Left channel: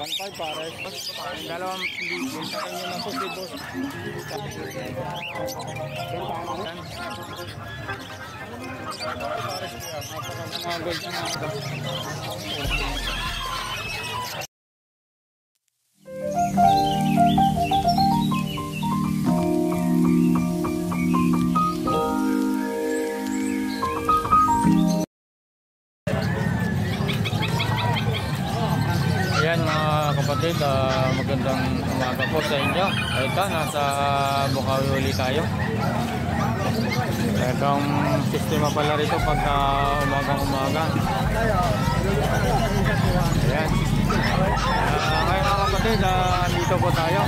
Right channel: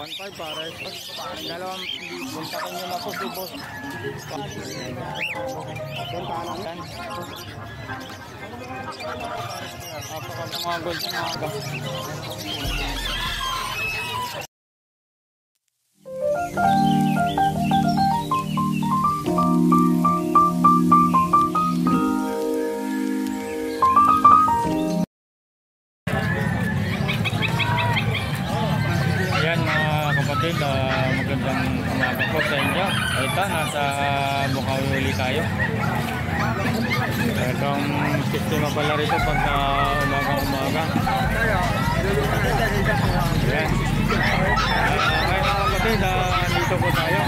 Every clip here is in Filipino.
1.5 pares. Ang 2,000. Kontakin nyo na po si boss. Yan. Apakang mga gold na aga. Ayan mga kapatid, magandang umaga po sa inyo. Ito, nasa Bukawi uli tayo. Itong sistema pala rito pagka umagang-umaga. Ayan. Ngayon mga kapatid, dito po tayo.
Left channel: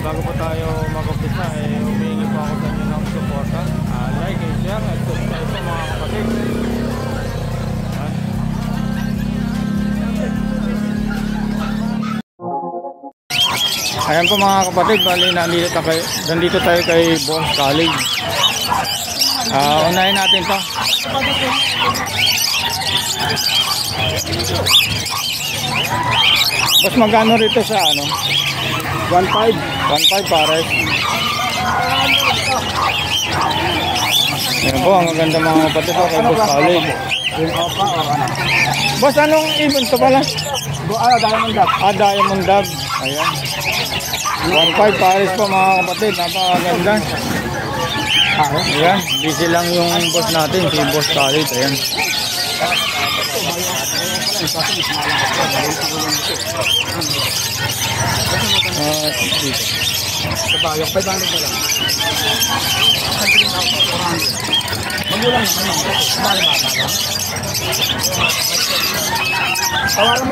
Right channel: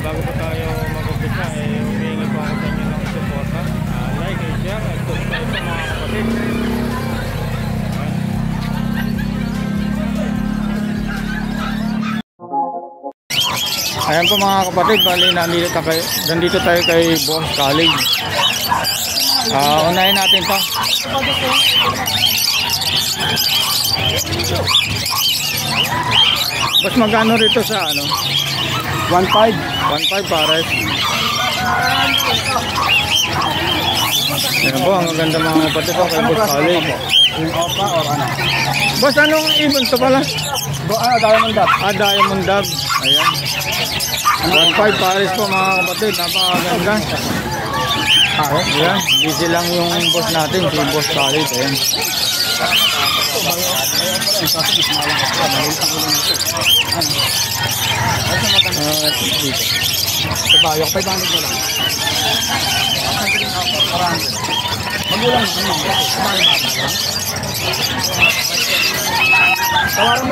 Bago po tayo mag-umpisa, humihingi po ako sa inyo ng suporta. Like and share at subscribe po mga kapatid. Ayan po mga kapatid, bali nandito tayo kay Boss Khalid. Unahin natin to. Boss, magkano rito sa ano? 1.5. 1.5 pares. Ayan po, ang maganda mga kapatid to kay Boss Khalid. Boss, anong ibon to pala? Diamond Dab. Diamond Dab. Ayan. 1.5 pares po mga kapatid, napakaganda. Ayan, busy lang yung boss natin, si Boss Khalid. Ayan. Dito. Kabayang 500 na lang. Magulang na kayo.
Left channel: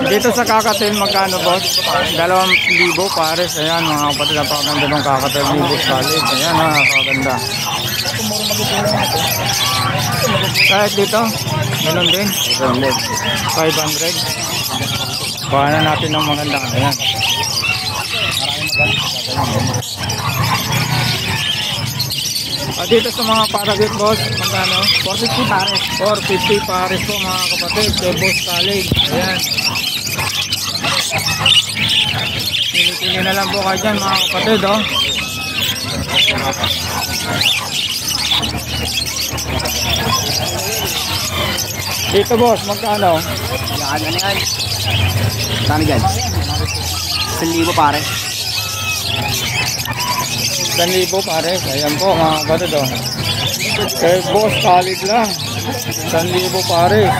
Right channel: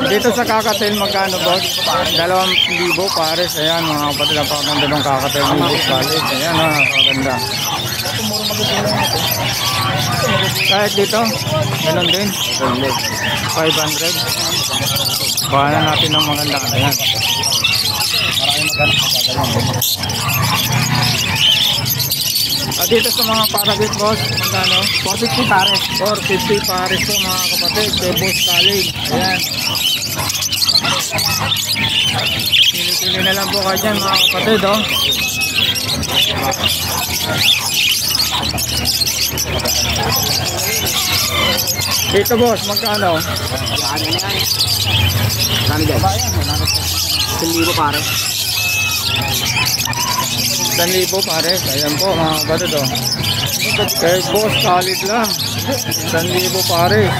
Dito sa kakatel magkano boss? 2,000 pares. Ayan mga kapatid, napakaganda ng kakatel ni Boss Khalid. Ayan, napakaganda. Kahit dito, ganun din. 500. Baka na natin ng maganda. Ayan. Dito sa mga paragot boss, magkano? 450 pares. 450 pares po mga kapatid, kay Boss Khalid. Ayan. Pili-pili na lang po kayo dyan mga kapatid, oh. Dito boss, magkano? Yan. Kano dyan? 1,000 pares. 1,000 pares. Ayan po mga kapatid, oh. Kay Boss Khalid lang. 1,000 pares.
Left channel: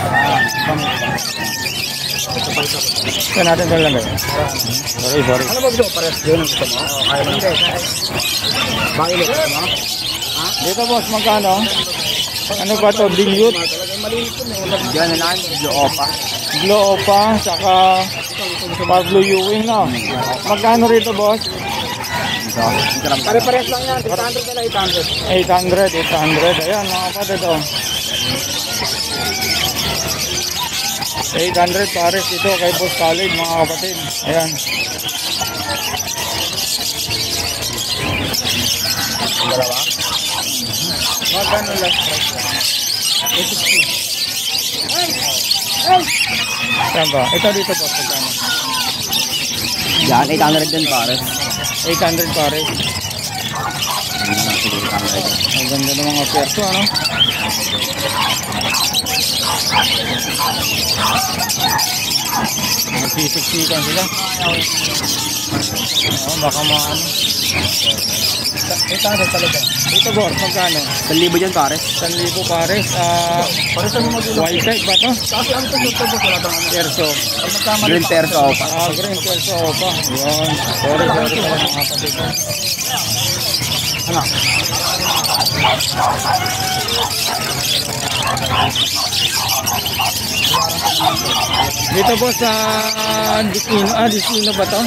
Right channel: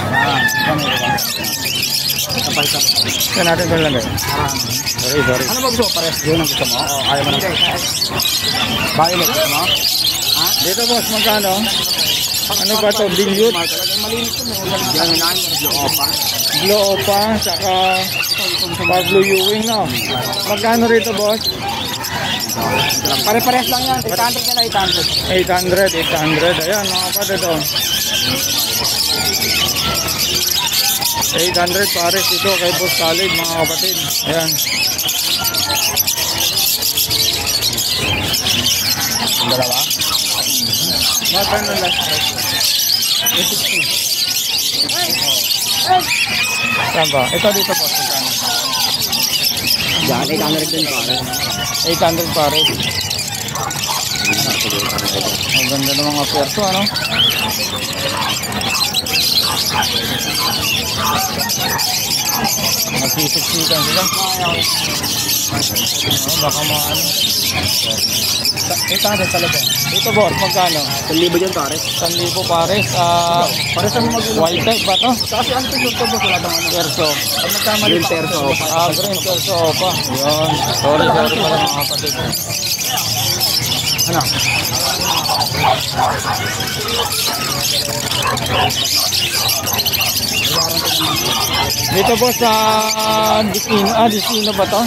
Saan natin doon lang kayo? Sorry. Ano ba gusto ko pares? Yun ang gusto mo? Ayaw mo rin. Bakit gusto mo? Dito boss, magkano? Ano ba to? Dilute? Yan na lang. Glow Opa, saka Pablo Ewing, no? Magkano rito boss? Pare-pares lang yan. 800 ka na 800. 800. Ayan mga kapatid, oh. 800 pares dito kay Boss Khalid mga kapatid. Ayan. Dalawa? Magkano lang? 860. Saan ba? Ito dito boss, magkano? Yan, 800 din pare. 800 pares. Ang ganda ng mga perso, ano? Magsisiksikan sila. Baka maano. 800 talaga. Dito boss, magkano? 1,000 dyan pare. 1,000 pares. Pares ang White type ba to? kasi ano ito Perso. Green perso. Green perso pa. Yun. Sorry pala mga kapatid. Ano? Dito po sa Destino ba to?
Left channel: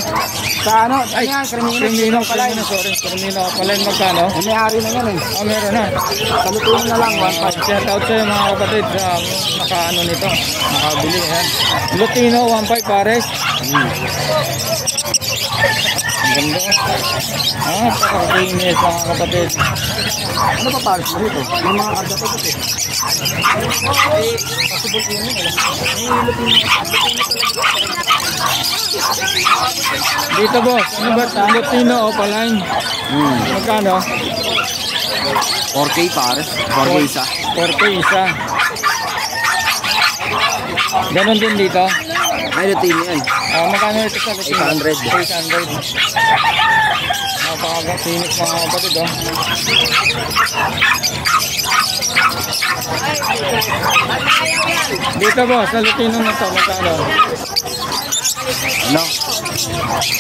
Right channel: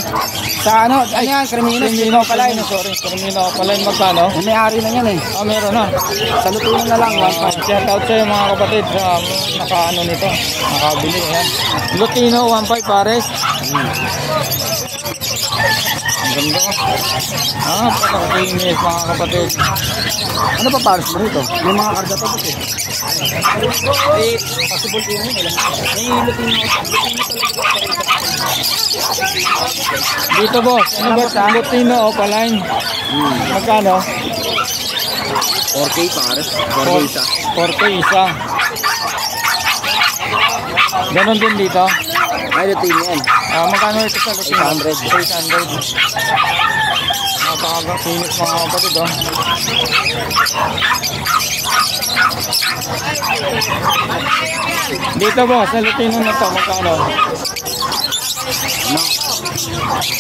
Sa ano? Ay, Crimino, sorry. Crimino pala yung magkano? May-ari na yan eh. Meron na. Salutunan na lang. Shout out sa'yo mga kapatid sa nakaano nito. Nakabili. Ayan. Lutino 1.5 pares. Ang ganda. Pakakinis mga kapatid. Ano pa pares mo ito? May mga karga pa ito eh. Possible din yun. Dito boss, ano ba? Lutino o Opaline? Magkano? 4K pares. 4K isa. 4K isa. Ganon din dito. May Lutino yan. Magkano ito sa Lutino? 800. 800. Napakagakinis mga kapatid, oh. Dito boss, sa Lutino na to, magkano? Ano?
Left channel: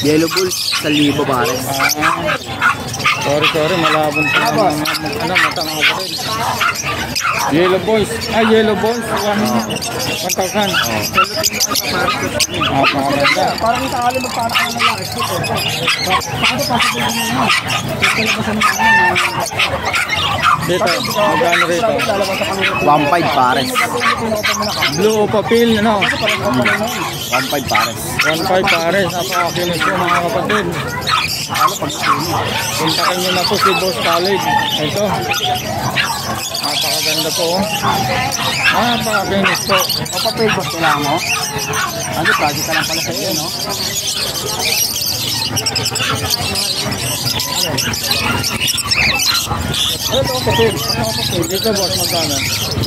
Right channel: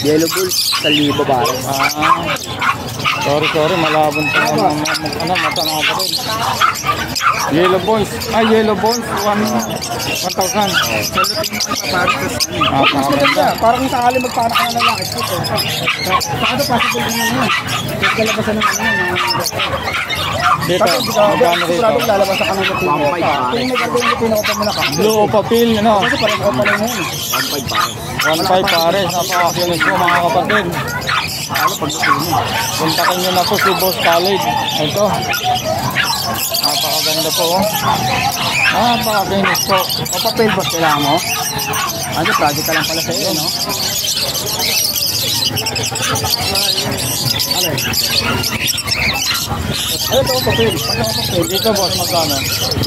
Yellow Bulls, 1,000 pares. Sorry, malabon pa naman mata mga kapatid. Yellow boys, yellow boys, 1,000. Napakaganda. Parang sakali magpanak ka na lang. Paano possible na yun? Kalabasan ng Dito, magkano rito? 1,500 pares. Blue o papil, ano? 1,500 pares. 1,500 pares, napakakinis po mga kapatid. Puntakin nyo na po si Boss Khalid. Ito, napakaganda po, oh. Napakakinis po. Ito pa yung boss nila mo? Ano, project ka lang pala sa iyo, no? Dito boss, magkano?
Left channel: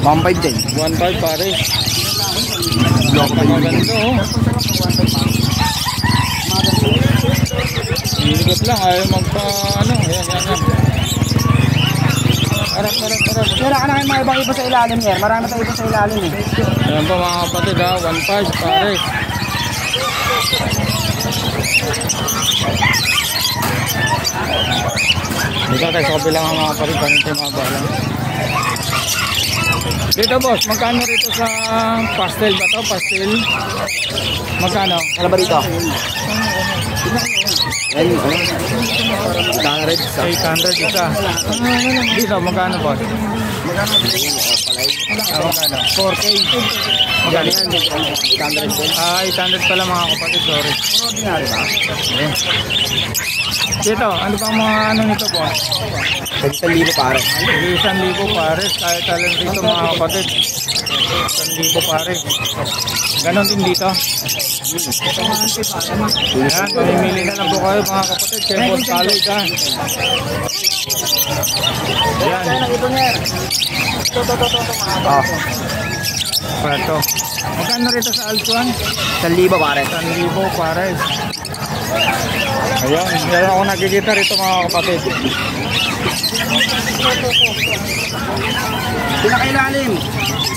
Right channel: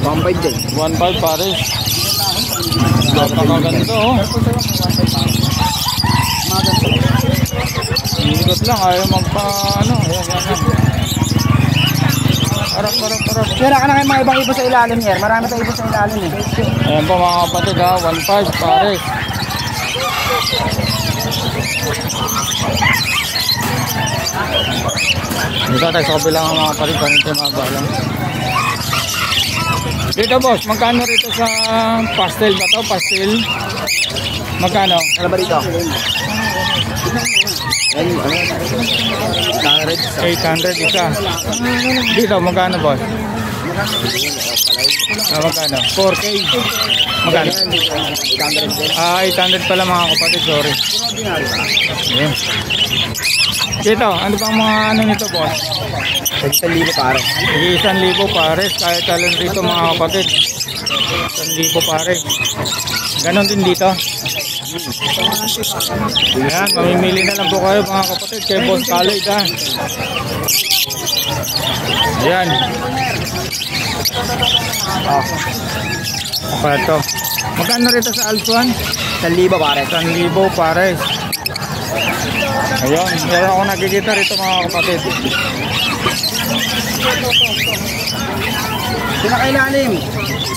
1,500 din. 1,500 pares. Napakaganda, oh. Hilikot lang, ayaw magpa-ano. Yan. Harap. Tira ka na kayo mga ibang iba sa ilalim here. Marami tayong iba sa ilalim eh. Ayan po mga kapatid, 1,500 pares. Dito tayo sa kabilang mga kapatid, panito yung mga balang. Dito boss, magkano rito sa pastel ba to? Pastel? Magkano? Ano ba dito? Yan, ano? 800 isa. 800 isa. Dito, magkano boss? Magkano? 4K. Magkano? 800 din. 800 pala mga kapatid, sorry. Ayan. Dito, ano bang mga ano nito boss? 1,000 pares. 1,000 pares, kahit talon dito mga kapatid. 1,000 pares. Ganon din dito. Ayan, mamimili na lang po kayo mga kapatid kay Boss Khalid, ha. Ayan. Ito. Magkano rito sa Altuan? 1,000 pares. 1,000 pares. Ayan, meron ako nakikita rito mga kapatid. Pinakailalim.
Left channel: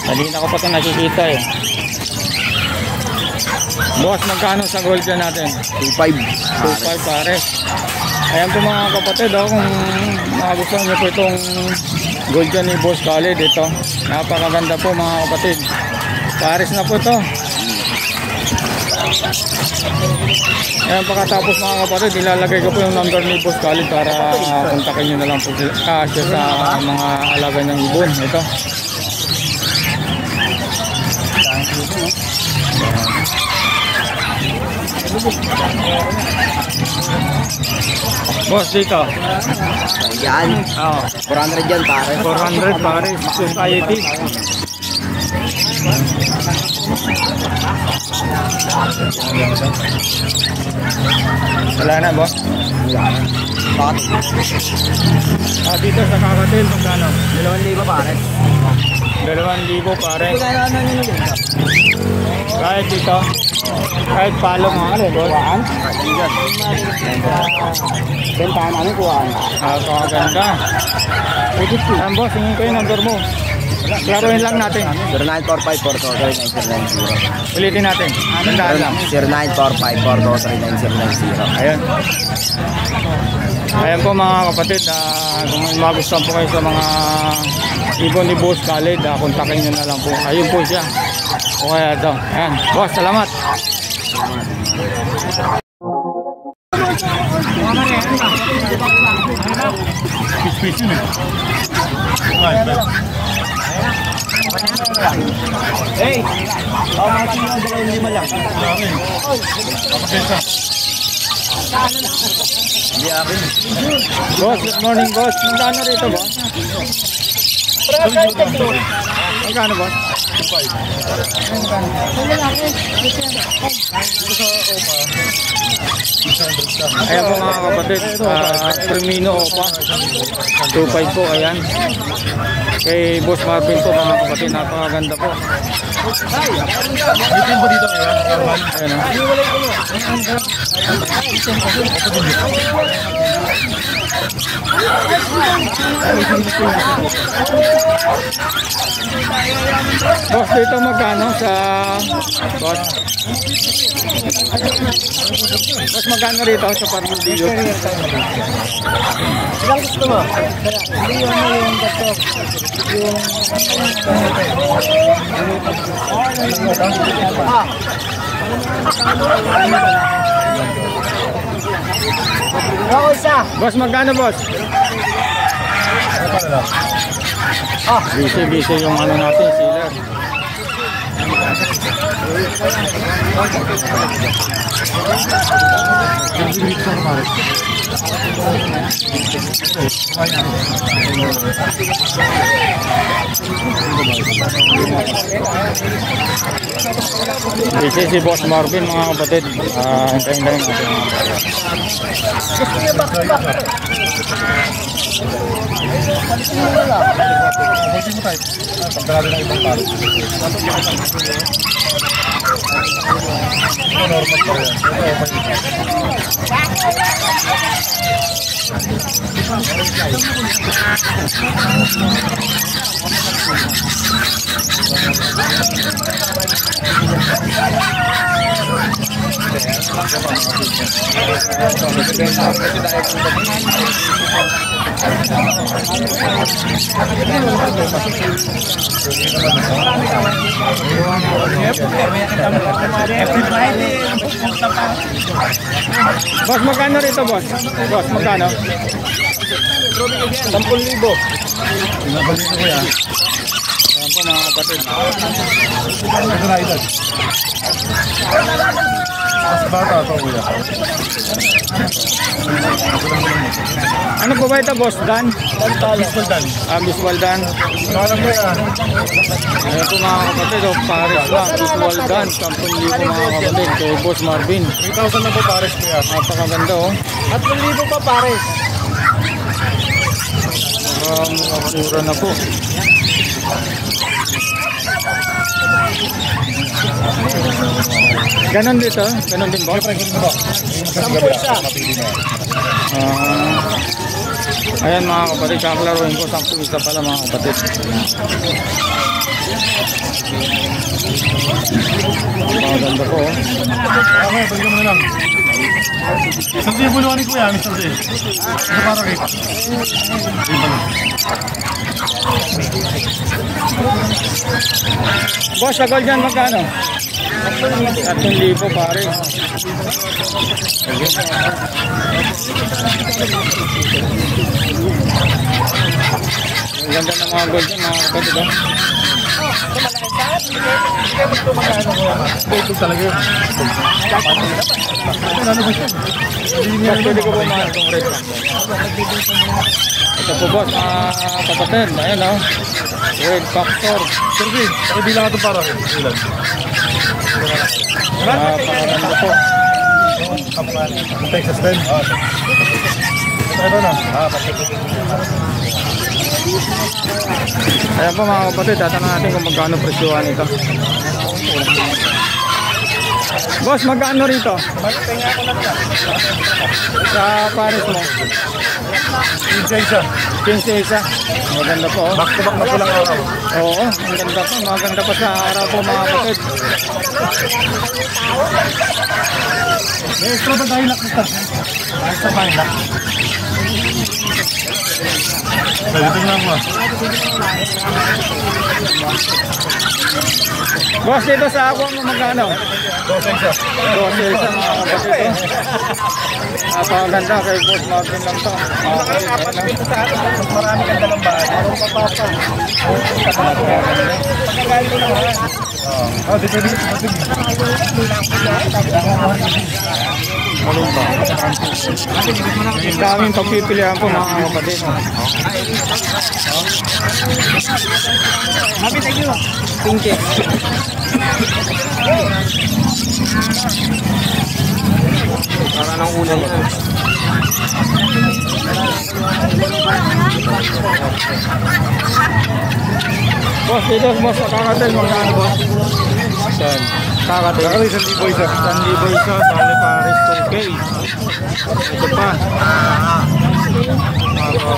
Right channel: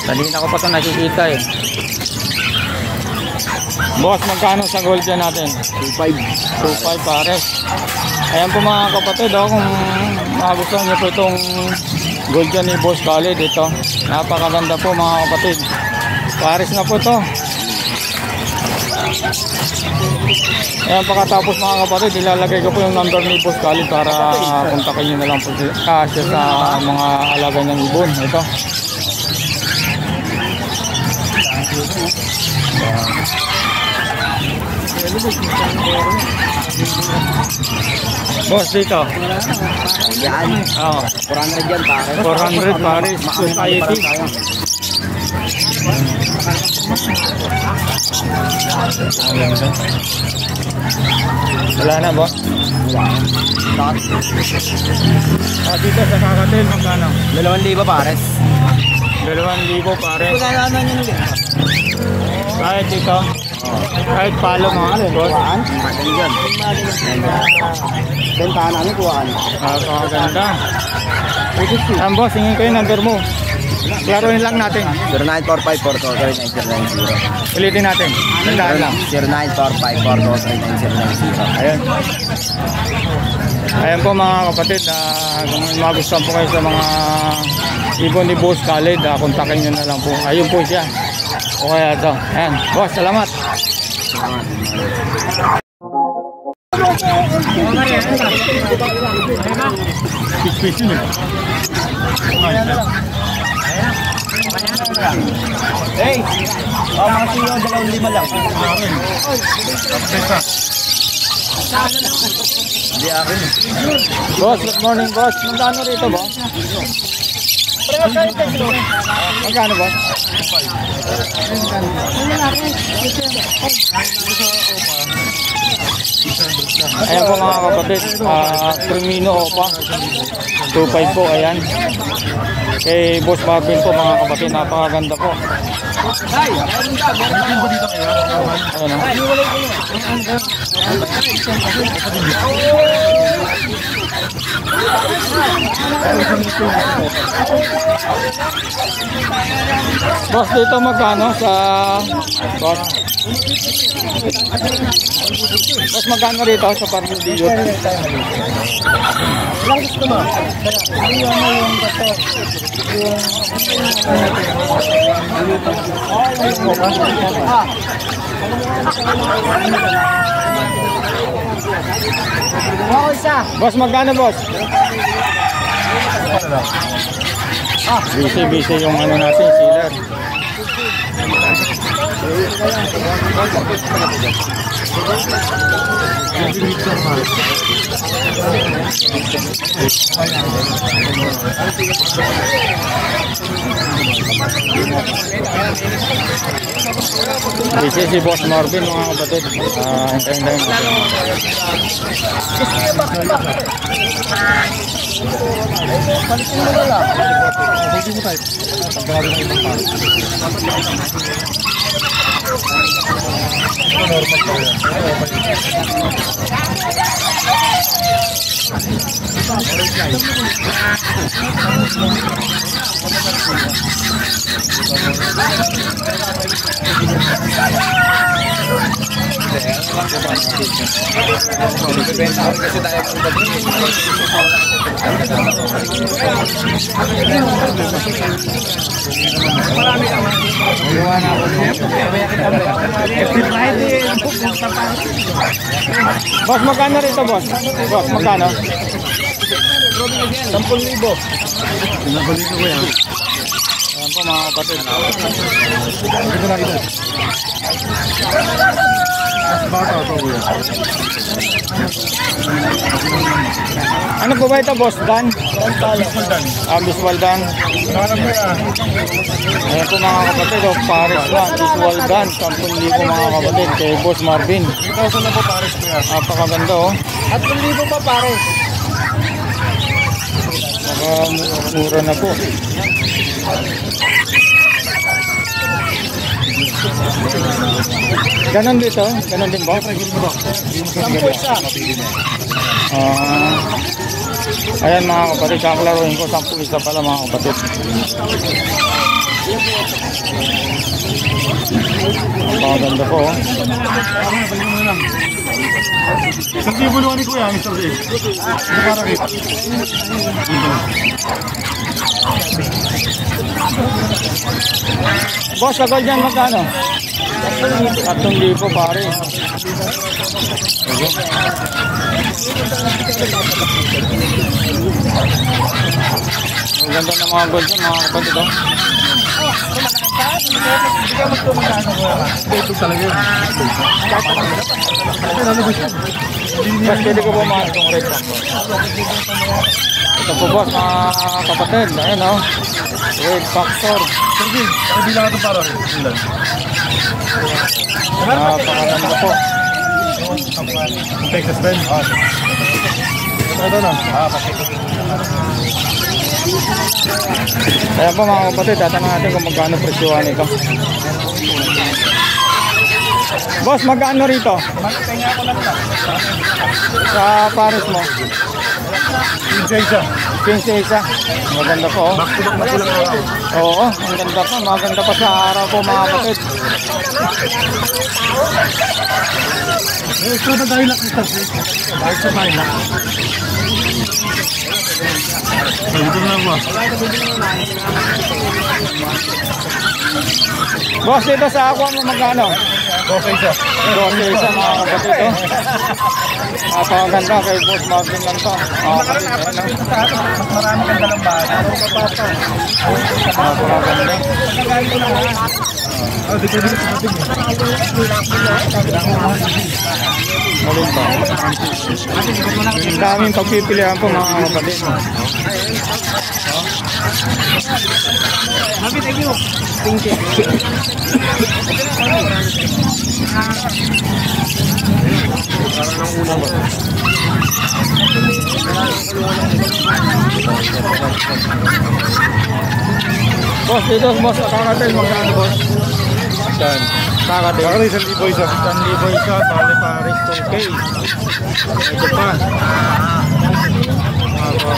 Kanina ko pa ito nakikita eh. Boss, magkano sa gold dyan natin? 2,500. 2,500 pares. Ayan po mga kapatid, oh, kung magustuhan nyo po itong gold dyan ni Boss Khalid, ito. Napakaganda po mga kapatid. Pares na po ito. Ayan, pagkatapos mga kapatid, ilalagay ko po yung number ni Boss Khalid para kontakin nyo na lang po siya sa mga alaga niyang ibon. Ito. Boss, dito. Yan. Oo. 400 yan pares. 400 pares. Society. Wala na, boss? Dito sa Kakatil, magkano? 2,000 pares. 2,000 pares. Kahit dito? Kahit palo mga ano, boss? Bentahan namin kuhaan. Kakaganda. Ayan, boss, hingin ko yung number mo. Klaruhin lang natin. 0945-423-9090. Ulitin natin. Tandaan lang. 0945-423-9090. Ayan. Ayan po mga kapatid, kung may magustuhan po kayo sa mga ibon ni Boss Khalid, kontakin nyo na lang po. Ayun po siya. O kaya ito. Ayan. Boss, salamat. Pispis yun eh. Hey! Mga siyo, 2,500 lang. Wala rin. Kapagpesa. Hindi akin. Boss, good morning boss. Magkano rito boss? Magkano boss? Ayan po mga kapatid, Primino Opa 2.5 po, ayan. Kay Boss Marvin po mga kapatid, napakaganda po. Ayan o. Boss, dito magkano sa boss? Boss, magkano rito sa Parmudillo? Ilang gusto mo? Boss, magkano boss? Busy yung ano natin, sealer. Busy si Boss Marvin mga kapatid. Hintayin natin mga kapatid. Palitin mo wala. Palitin mo tayo. Pagkarado ng ibang tao. Normal pa rin. Boss, magkano rito boss? Boss, magkano? 10,000. Pinabalik ko yan. Ayan po mga kapatid. Ito na ito. Mas bata ito kuya. Ano po ba ito boss? Dan? Dan talo. Visual Dan. Malam mo yan. Ayan po mga kapatid, Paris lang, Visual Dan, 10,000 mga kapatid, kay Boss Marvin. 3,000 na po pares ko yan. Napakaganda oh. 3,000 pa pares. Mura na po. Ganon dito? Ganon din boss? Sampo isa. Ayan mga kapatid, kaklaruin ko 10 isa pala mga kapatid. Napakaganda po oh. Okay, balik mo lang. Isang buluhan ni kuya, Mr. J. Ano para rin? Boss, sagol dyan magkano? 3,000 pare. Ayun. Ang ganda ng mga gold dyan mga kapatid oh. Ito talaga yun. Boss, pwede ko bumahan itong red pack. Ito po boss mga kapatid. Ayan oh. Red Factor. Sige, hindi lang ito para rin. Napakaganda po. Texas din. Ito na. Ayan po mga kapatid, tatanong natin kung magkano presyohan ito. Boss, magkano rito? Sa Paris mo? 15 isa. Maganda po. Oo, ang ganda pa. Maganda pa sa araw po mga kapatid. Extra ba tayo lak, Mr. Extra tayo lak. Dito nga ba? Boss, dito sa aqua mo magkano? 12 isa. 12 isa mga kapatid oh. Napakaganda kay Boss Marvin lang to. Mga kapatid, ayan oh. Marami kang dalang bahay. Meron ka pa pa. Napakaganda. Dito. Alin pa? Daming pagpipilian po mga kapatid. Happy, thank you. Thank you. Ano ba? Boss, dito boss, kakatil magkano boss? Saan? Kakatil. Ano isang libo isa? 1,000 isa, bali pares 2K. Ito pa. Ganda.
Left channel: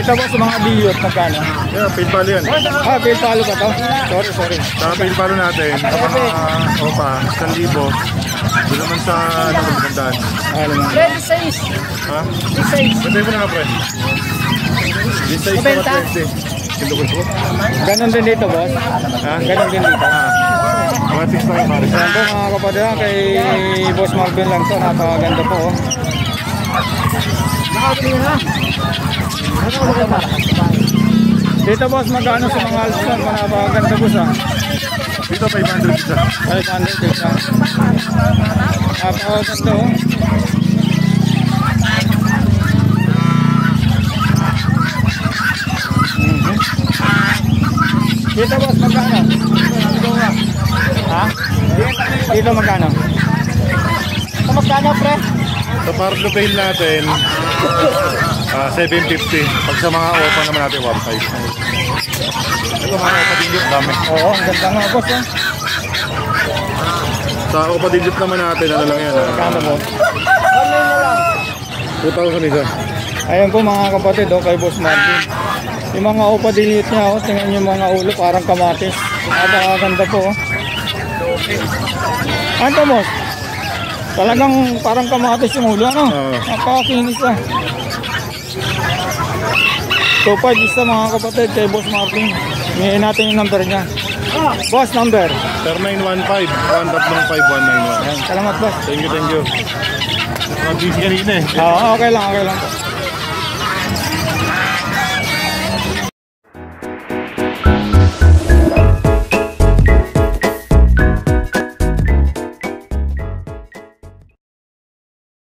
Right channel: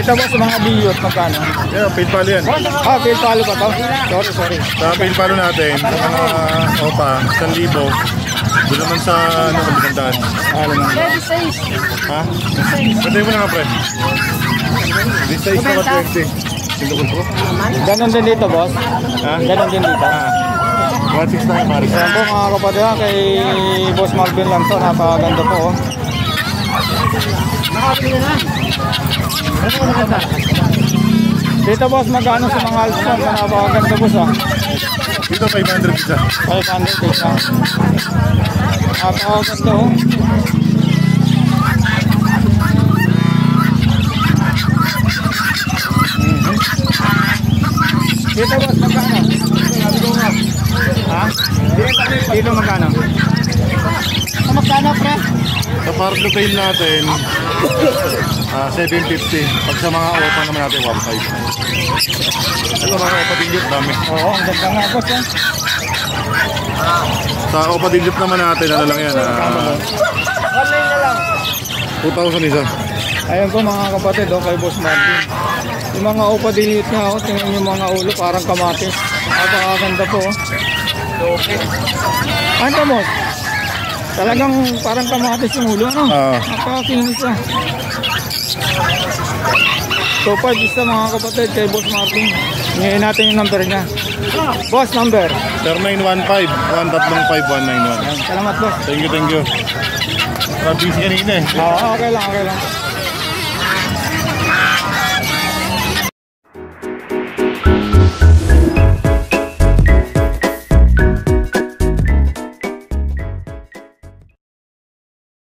Ito boss, mga diyot, magkano? Yeah, paid palo yan. Ah, fail palo pa to? Sorry. Sa paid palo natin, pag mga opa, 1,000. Doon naman sa ano, magandaan. Alam mo. Ha? Pwede mo nga, pre. This size na 20. Sindukol po. Ganon din dito boss? Ha? Ganon din dito? 1,600 na yung pare. Ayan po mga kapatid, kay Boss Marvin lang to, napakaganda po oh. Dito boss, magkano sa mga Alston? Napakaganda boss ah. Dito 500 isa. 500 isa. Napakaganda oh. Dito boss, magkano? Ha? Dito magkano? Sa magkano pre? Sa Pardo Bail natin, 750. Pag sa mga opa naman natin, 1,500. Ito mga opa dingyot, dami. Oo, ang ganda nga boss eh. Sa opa dingyot naman natin, ano lang yan? Magkano boss? Online na lang. 2,000 isa. Ayan po mga kapatid oh, kay Boss Marvin. Yung mga upa dinit niya oh, tingnan yung mga ulo parang kamatis. Napakaganda po oh. Ano boss? Talagang parang kamatis yung ulo ano? Napakakinis ah. 2,500 isa mga kapatid kay Boss Marvin. Ngayon natin yung number niya. Boss number 0915-135-191. Ayan, salamat boss. Thank you. Nabisi kanina eh. Okay lang po.